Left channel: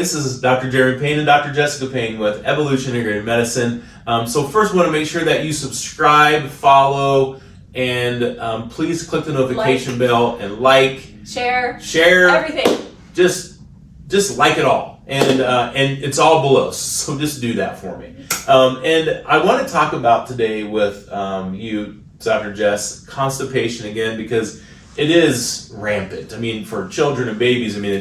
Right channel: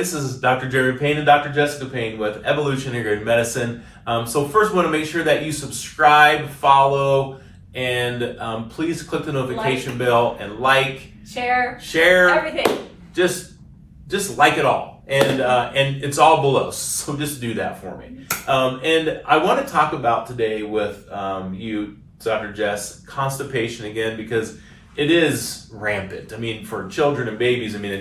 this is Dr. Jeremy Payne and Dr. Jessica Payne with Evolution Integrative Medicine. So first, we want to make sure that you subscribe, follow, and please click the notification bell and share everything. Just like it all, and it's all below. So just do that for me. And I want to talk about today with you, Dr. Jess, constipation again, because it is rampant. I mean, for children and babies, I mean,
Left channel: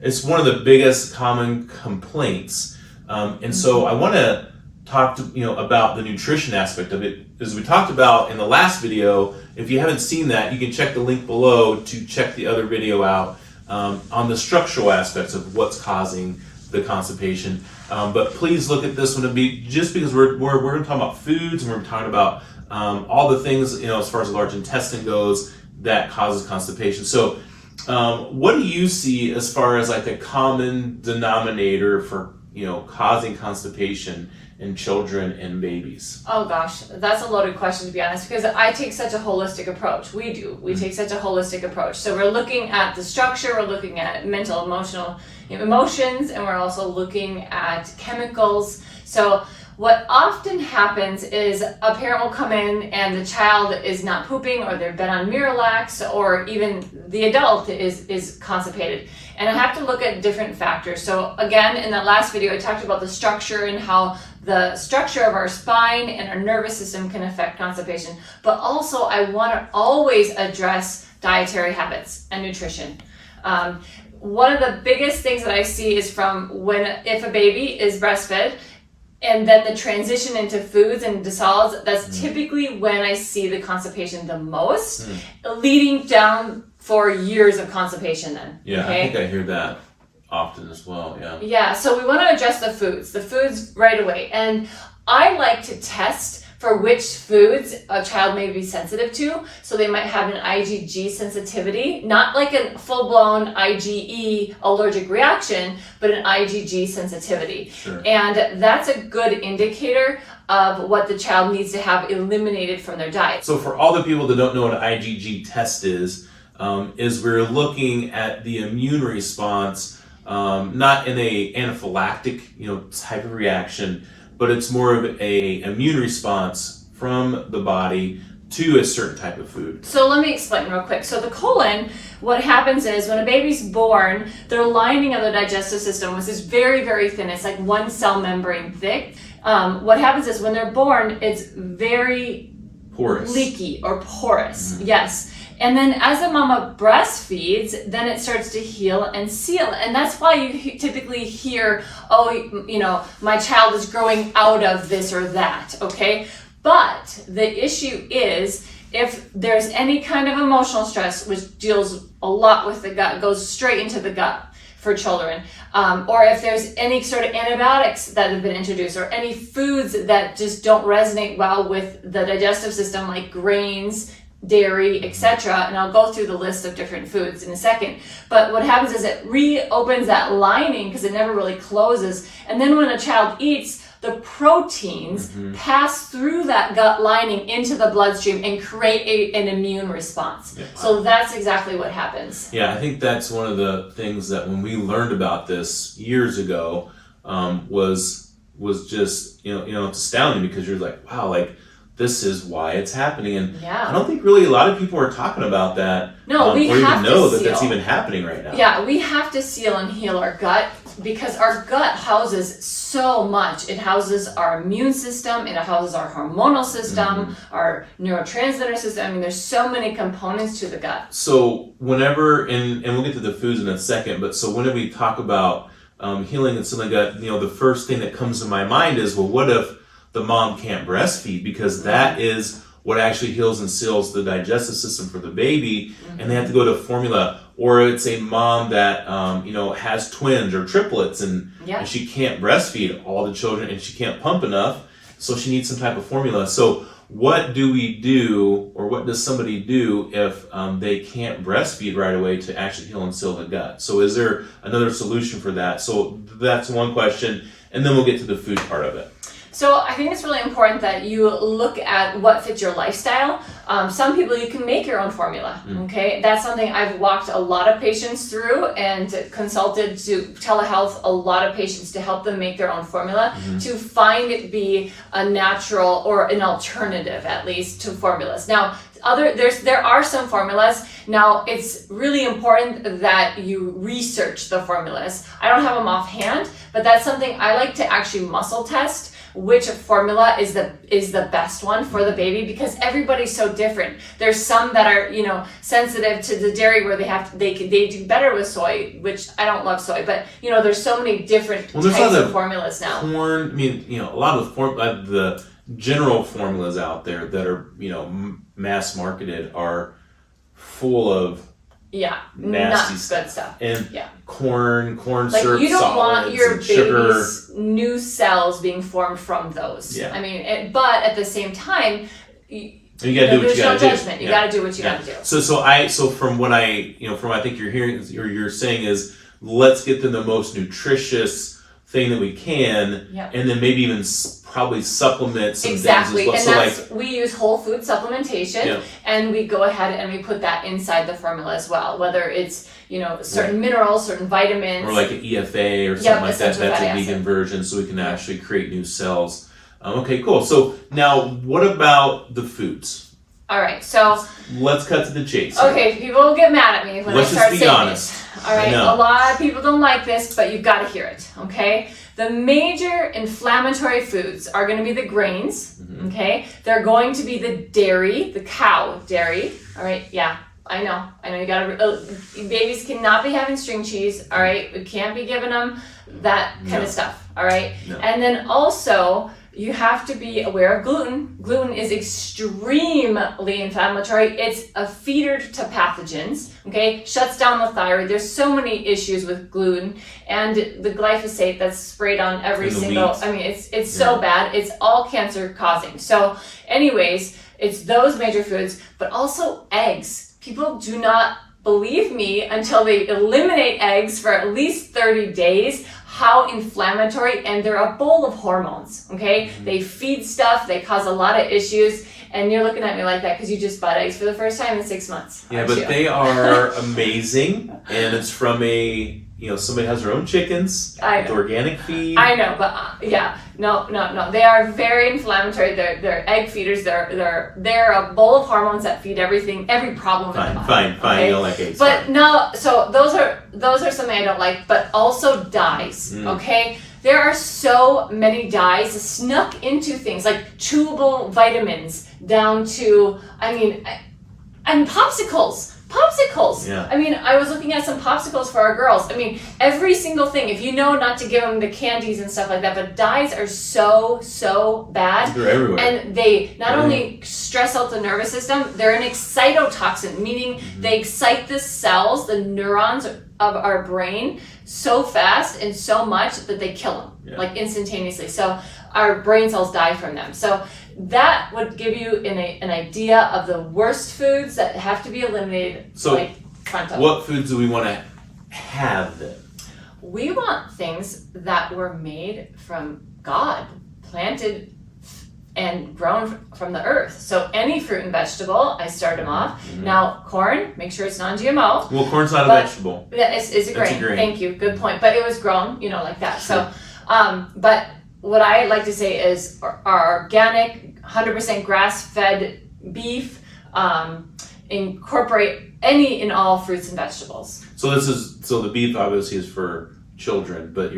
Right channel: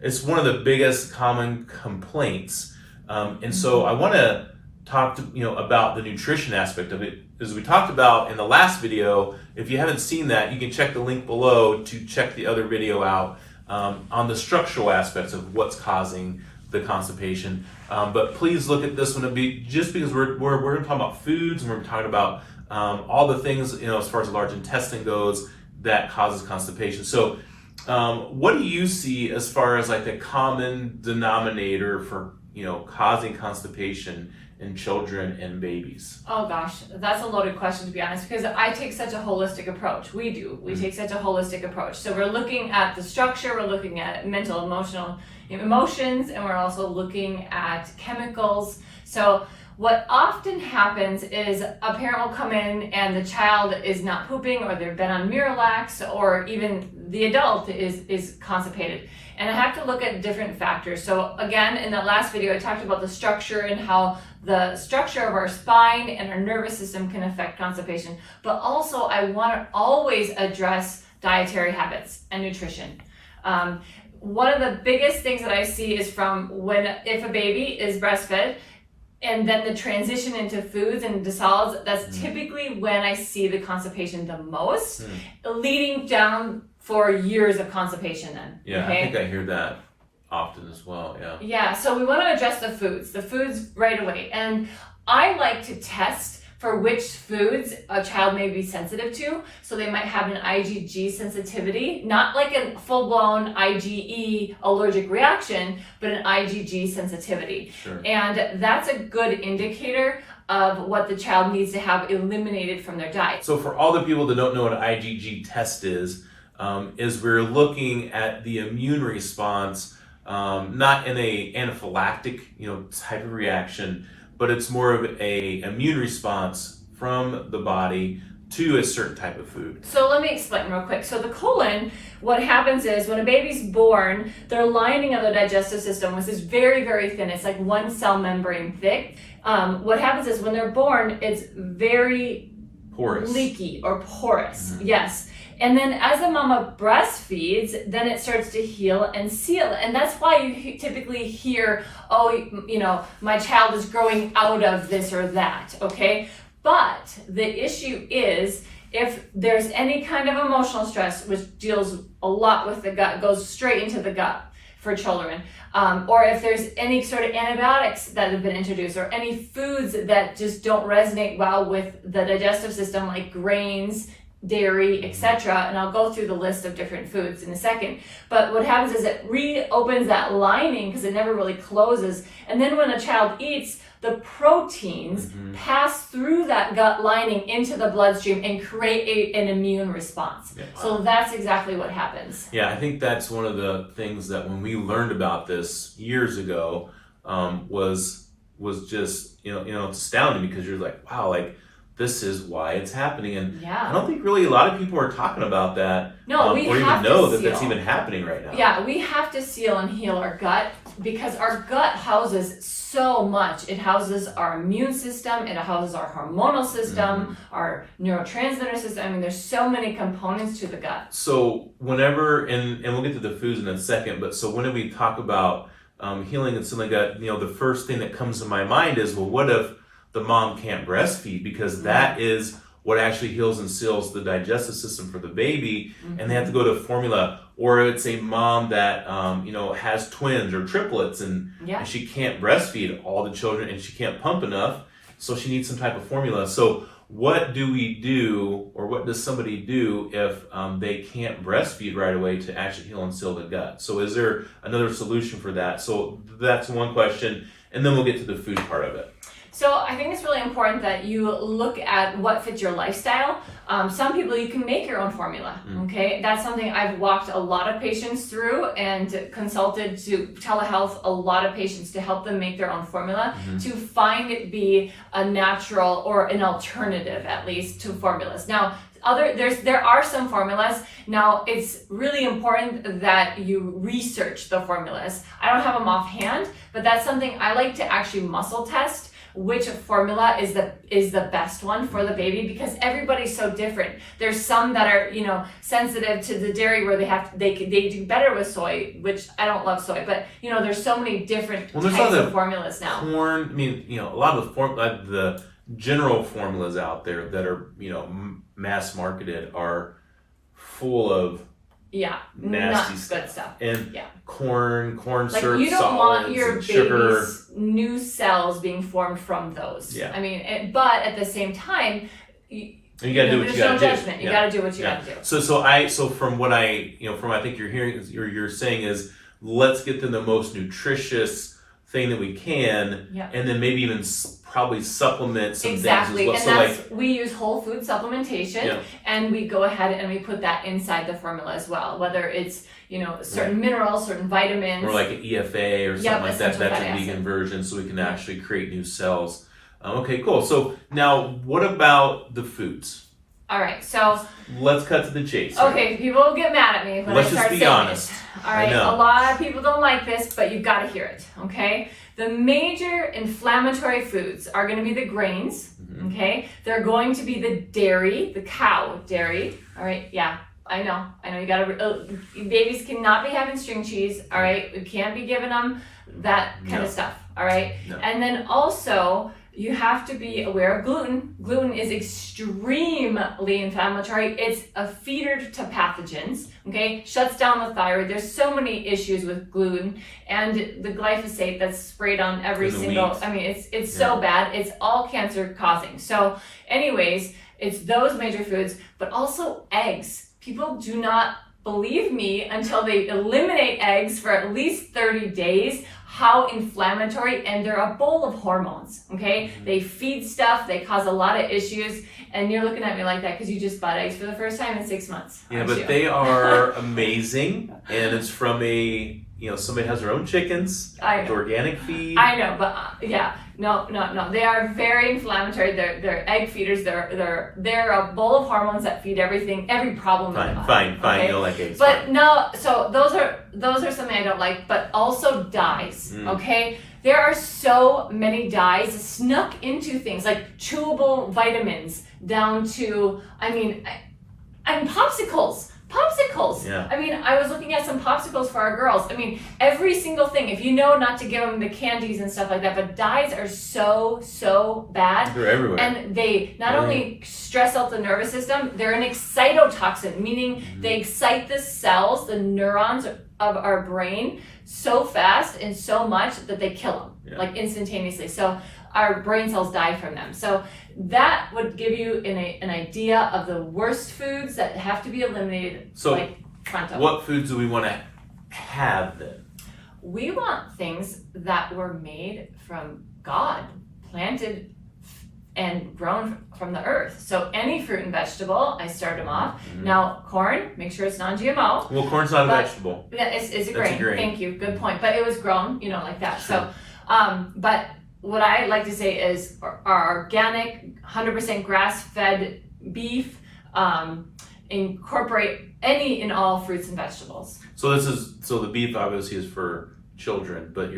it's one of the biggest common complaints. And so I want to talk about the nutrition aspect of it. As we talked about in the last video, if you haven't seen that, you can check the link below to check the other video out on the structural aspects of what's causing the constipation. But please look at this one, just because we're going to talk about foods, and we're talking about all the things, as far as the large intestine goes, that causes constipation. So what do you see as far as like the common denominator for causing constipation in children and babies? Oh gosh, that's a loaded question, to be honest, because I take such a holistic approach. We take such a holistic approach. So we're looking at the structure, we're looking at mental, emotions, and we're also looking at chemicals. So what often happens is a parent will come in and the child is not pooping, or they've been on Miralax, or even the adult is constipated. And I have to look at different factors. So again, in that last video, I talked about the structure and how the structure of our spine and our nervous system can affect constipation. But also I want to always address dietary habits and nutrition. One of the biggest things that I see is if a baby is breastfed, and then the transition into foods and to solids, that's typically when I see the constipation the most, leading down for years of constipation then. Yeah, okay? I think I hear that often as well, yeah. Yeah, so we want to address the foods right away. And I like to test for which foods a child may be sensitive to. So they might have an IgG sensitivity, not like a full-blown IgE allergic reaction, but an IgG sensitivity. Sure. And that's a good indicator of what the child needs to have eliminated from their diet. So for all the people that don't know what an IgG test is we're looking at the immune response, not in a anaphylactic type of reaction, but it's more of a immune response from the body to a certain type of food. So let me explain real quick. So the colon, what happens is when a baby's born, their lining of the digestive system is very, very thin. It's like one cell membrane thick. What happens is when they're born, it's very porous, leaky or porous. Yes. And then as the mama breastfeeds, then it starts to heal and seal. And that's why you typically hear, my child is growing out of this or that, okay? But the issue is if there's any kind of emotional stress, which deals a lot with the gut, goes straight into the gut for children, or if there's any sort of antibiotics that have been introduced, or any foods that just don't resonate well with the digestive system, like grains, dairy, etc. And I'll go through the list of different foods in a second. But what happens is it reopens that lining because it never really closes. And then when a child eats, the proteins pass through that gut lining into the bloodstream and create an immune response. Yeah. So that's exactly what happens. Yeah, I think that's one of the things that when we learned about this years ago was just it's astounding, because you're like, wow, like this is why it's happening. And I don't think really a lot of people are talking about that. No, we or have even know to that that's even happening right now. Yeah, we have to seal and heal our gut, because our gut houses so much. It houses our immune system, it houses our hormonal system, our neurotransmitter system. I mean, there's so many components to the gut. So whenever, and we'll get to the foods in a second, but so whenever we talk about healing and sealing gut, the first thing that comes to my mind is, well, what if the mom can't breastfeed? Because that is what actually heals and seals the digestive system for the baby, and they have to go to formula. Or it's a mom that has twins or triplets, and she can't breastfeed all the children, and she can't pump enough, so she needs some type of formula. So what do we do, or what does somebody do if they can't breastfeed right away to actually heal and seal the gut? So is there another solution for that? So that's one question, and then we'll get to the food part of it. So I think it's really important that you look at what fits your lifestyle. Some people, you can make your own formula, okay? That's something I've walked a lot of patients through and consulted to telehealth a lot of patients to help them make their own formula, to find it be a natural or an alternative, at least, to formulas. Now, there are some formulas. Now, it's really important that you research the formulas. I don't have them offhand, but that's something I like to actually muscle test, which formula is the best one for the baby, because everybody's so different. There's some that are, sensitive to the dairy where they do better with soy, which I don't love soy, but there's so many different types of formulas now. Corn, a lot of the general formulas out there that are, mass marketed are full of nasty stuff. And corn syrup, you don't want your sugar. baby's new cells being formed from those. Yeah. I mean, but at the same time, you gotta do what you gotta do. Judgment. You gotta do what you gotta do. So from what I think you're hearing, or you're saying is, let's get them the most nutritious thing that we can, and then maybe even probably supplement some things as well. And so we use whole food supplementation, and we go ahead and we put that inside the formula as well, whether it's certain minerals, certain vitamins, or like an EFA or something like that. That's a vegan version, so we can actually create new cells. Okay, cool. So now, what about the foods? All right, so let's cut to the chase. Okay, people will get mad at me when I start saying this. Let's just be honest. All right, a lot of people don't like this, but you've got to hear it. Okay, the major inflammatory foods are going to be the grains. Okay, they're going to be the dairy, the cow dairy. All right, I know. You gotta. Babies cannot be having string cheese. All right, we can't be giving them that kind of stuff. All right, and then also, you have to be aware of gluten. Gluten is extremely inflammatory. It's a feeder to pathogens, okay? Shuts down the thyroid. There's so many issues with gluten, and the glyphosate that's sprayed on every single, wheat. It's so bad. It's all cancer causing. So anyways, it's those major foods, but also eggs. People do not believe me until they eliminate eggs for at least 30 days. How inflammatory, and they're a bowl of hormones, okay? They feed stuff, they cause a lot of issues, and you're looking at me like that because you just bought eggs for the first time in 6 months. Yeah, but they are amazing, and it's from somebody has their own chickens with organic feed. I know, but no. They are very inflammatory. They're egg feeders. They're a bowl of hormones that feed everything, every problem. Fine. Okay? You don't like eggs. But no, so those are something I don't like. But also dyes. Okay, there are so many dyes snuck into things like chewable vitamins down to and popsicles. Yeah. I was looking at some popsicles for our girls. Every single thing, if you know not to give them the candies and stuff like that, but dyes are so bad. They're everywhere. And they not only stress out the nervous system, they're an excitotoxin, meaning they excite the cells, the neurons of our brain so fast and so much that they kill them, like instantaneously. So our brain cells die from them. So that would give you an idea of the worst foods that have to be eliminated. So what foods do we want to have then? We want things that were made from God, planted and grown from the earth. So any fruit and vegetable, I start them off. Now, corn, make sure it's non-GMO. Well, corn's not a vegetable. It's a grain. Thank you. Good point. But it was grown, like that. Sure. So, but what I like to say is our organic, 100% grass-fed beef, incorporate any and all fruits and vegetables. So the beef obviously is for children, but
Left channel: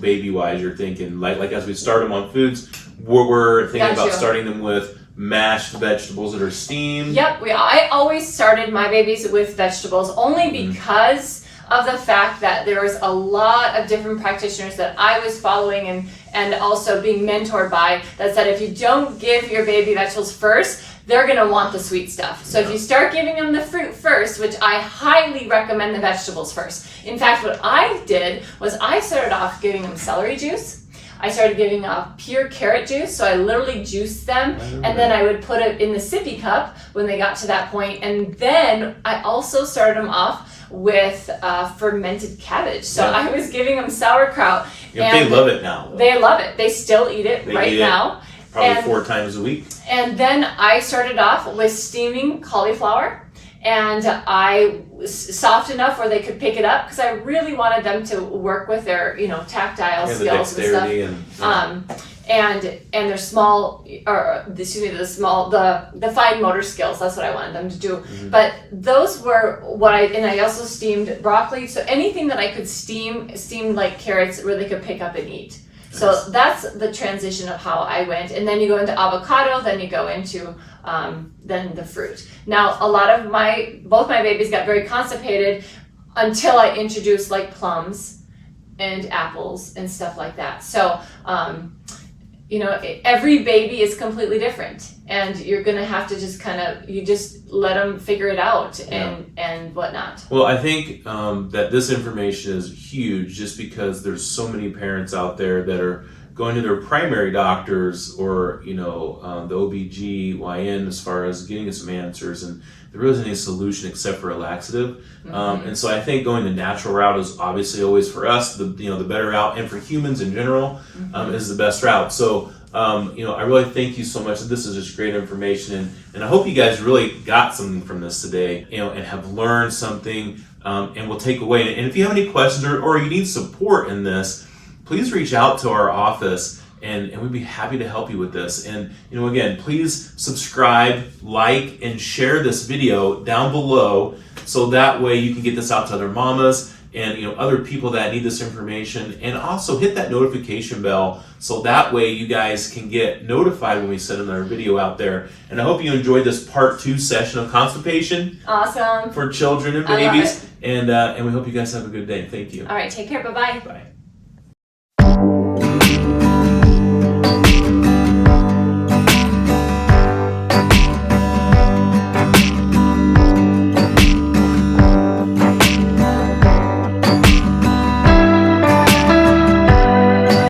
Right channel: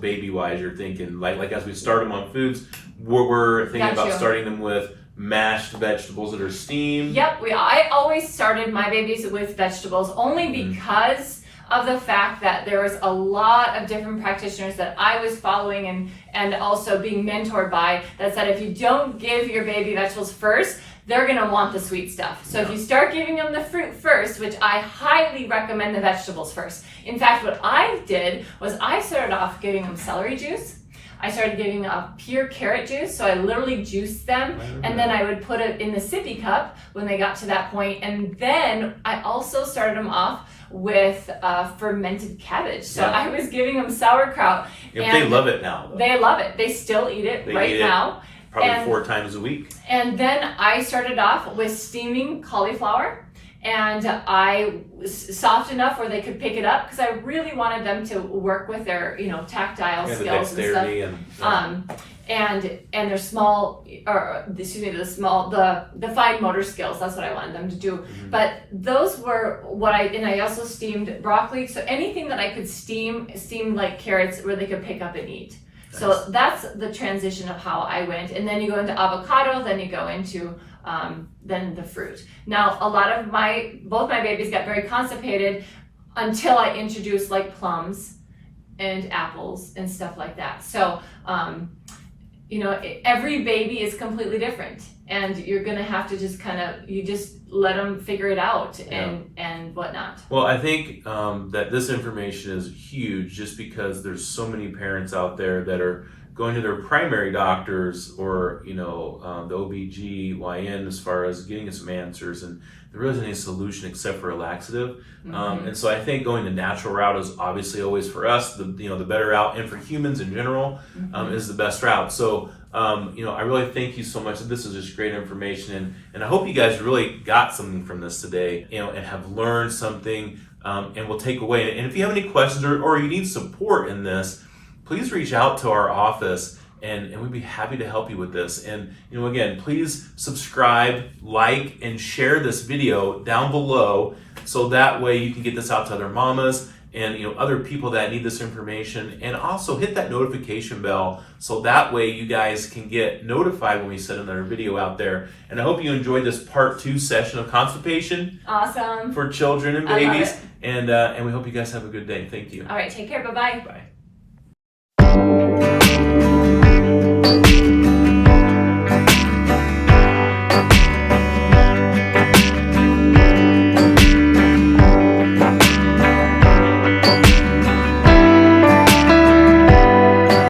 baby-wise, you're thinking like as we start them on foods, we're thinking about starting them with mashed vegetables that are steamed. Yep, I always started my babies with vegetables only because of the fact that there was a lot of different practitioners that I was following and also being mentored by that said if you don't give your baby vegetables first, they're going to want the sweet stuff. So if you start giving them the fruit first, which I highly recommend the vegetables first. In fact, what I did was I started off giving them celery juice. I started giving pure carrot juice. So I literally juiced them, and then I would put it in the sippy cup when they got to that point. And then I also started them off with fermented cabbage. So I was giving them sauerkraut. Yeah, they love it now, though. They love it. They still eat it now. Probably 4 times a week. And then I started off with steaming cauliflower. And I was soft enough where they could pick it up because I really wanted them to work with their, tactile skills and stuff. And their small, the fine motor skills. That's what I wanted them to do. Mm-hmm. But those were and I also steamed broccoli. So anything that I could steamed like carrots where they could pick up and eat. Nice. So that's the transition of how I went. And then you go into avocado, then you go into then the fruit. Now, both my babies got very constipated until I introduced like plums and apples and stuff like that. So, every baby is completely different, and you're going to have to just let them figure it out and whatnot. Well, I think that this information is huge just because there's so many parents out there that are going to their primary doctors or, the OBGYN as far as getting some answers, and there really isn't any solution except for a laxative. Mm-hmm. And so I think going the natural route is obviously always for us, the better route, and for humans in general, is the best route. So, I really thank you so much. This is just great information, and I hope you guys really got something from this today, and have learned something, and will take away. And if you have any questions or you need support in this, please reach out to our office, and we'd be happy to help you with this. And, again, please subscribe, like, and share this video down below so that way you can get this out to other mamas and, other people that need this information. And also hit that notification bell so that way you guys can get notified when we send another video out there. And I hope you enjoyed this part 2 session of constipation. Awesome. For children and babies. And we hope you guys have a good day. Thank you. All right, take care. Bye-bye. Bye.